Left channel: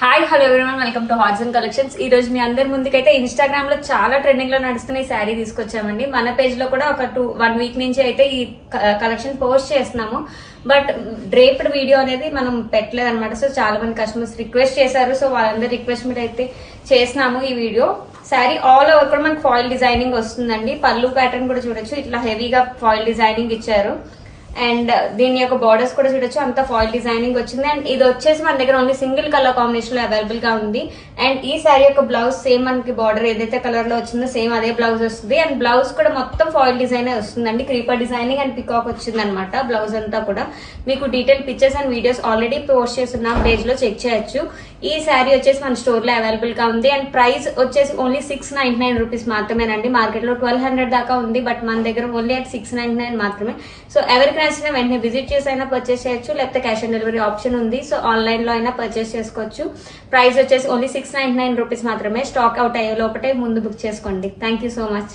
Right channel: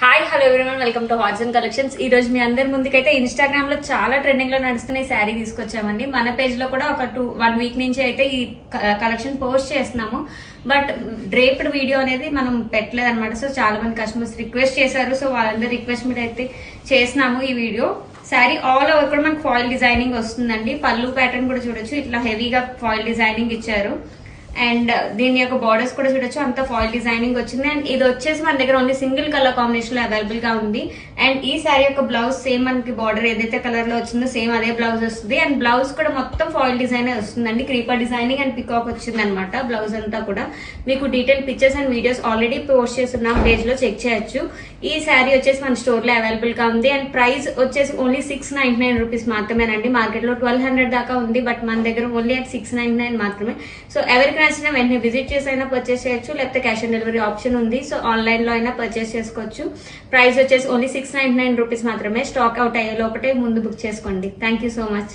Hi hello everyone, welcome to hats and collections. ఈ రోజు మీ అందరి ముందుకైతే ఇన్స్టాగ్రామ్ లో చాలా ట్రెండింగ్ లో నడుస్తున్న ఈ శారీ తీసుకొచ్చామండి. మన పేజ్ లో కూడా ఒక 1 వీక్ నుంచి అయితే ఈ కలెక్షన్ పోస్ట్ చేస్తున్నాము. బట్ డ్రేప్డ్ వీడియో అనేది మనం పెట్టలేదు అనమాట. సో చాలా మంది కస్టమర్స్ రిక్వెస్ట్ చేశారు. సో వాళ్ళందరి రిక్వెస్ట్ మీద అయితే చేసినాము ఈ వీడియో. శారీ ఆల్ ఓవర్ కూడా మనకి ఫాయిల్ డిజైనింగ్ వస్తుందండి. పళ్ళు ప్యాటర్న్ కూడా చూడొచ్చు, ఇట్లా హెవీగా ఫాయిల్ డిజైనింగ్ ఇచ్చారు. అండ్ దీని యొక్క బార్డర్స్ కూడా చూడొచ్చు, అంతా ఫాయిల్ డిజైనింగ్ వచ్చింది. అండ్ ఇది వచ్చేసి మన దగ్గర ఓన్లీ సింగిల్ కలర్ కాంబినేషన్ లో అవైలబుల్ గా ఉంది. అండ్ ఈ శారీ యొక్క బ్లౌజ్ సేమ్ మనకి బార్డర్ ఏదైతే కలర్ లో వచ్చిందో సేమ్ అదే బ్లౌజ్ వస్తుంది. అండ్ బ్లౌజ్ కూడా మొత్తం ఫాయిల్ డిజైన్ వస్తుందండి. క్రీపర్ డిజైనింగ్ అండ్ పికాక్ వచ్చింది అనమాట బ్లౌజ్ అంతా కూడా. మీకు detail pictures and videos already post చేస్తున్నాం, పేజ్ లో చెక్ చేయొచ్చు. ఈ శారీ వచ్చేసి మన స్టోర్ లో అవైలబుల్ గా ఉంది. అండ్ ప్రైస్ వచ్చేసి ఓన్లీ 699 రూపీస్ మాత్రమేనండి. మార్కెట్ లో 1200 దాకా ఉంది, బట్ మన దగ్గర ఓన్లీ at 699 మాత్రమే. సో ఎవరికి నచ్చినా వెంటనే విజిట్ చేసి అయినా పర్చేస్ చేయొచ్చు, లేకపోతే క్యాష్ ఆన్ డెలివరీ ఆప్షన్ ఉంది. సో ఆన్లైన్ లో అయినా పర్చేస్ చేసుకోవచ్చు. ప్రైస్ వచ్చేసి ఓన్లీ 699 రూపీస్ మాత్రమే. స్టాక్ అవుట్ అయ్యే లోపటే ముందు బుక్ చేసుకోండి. Thank you so much.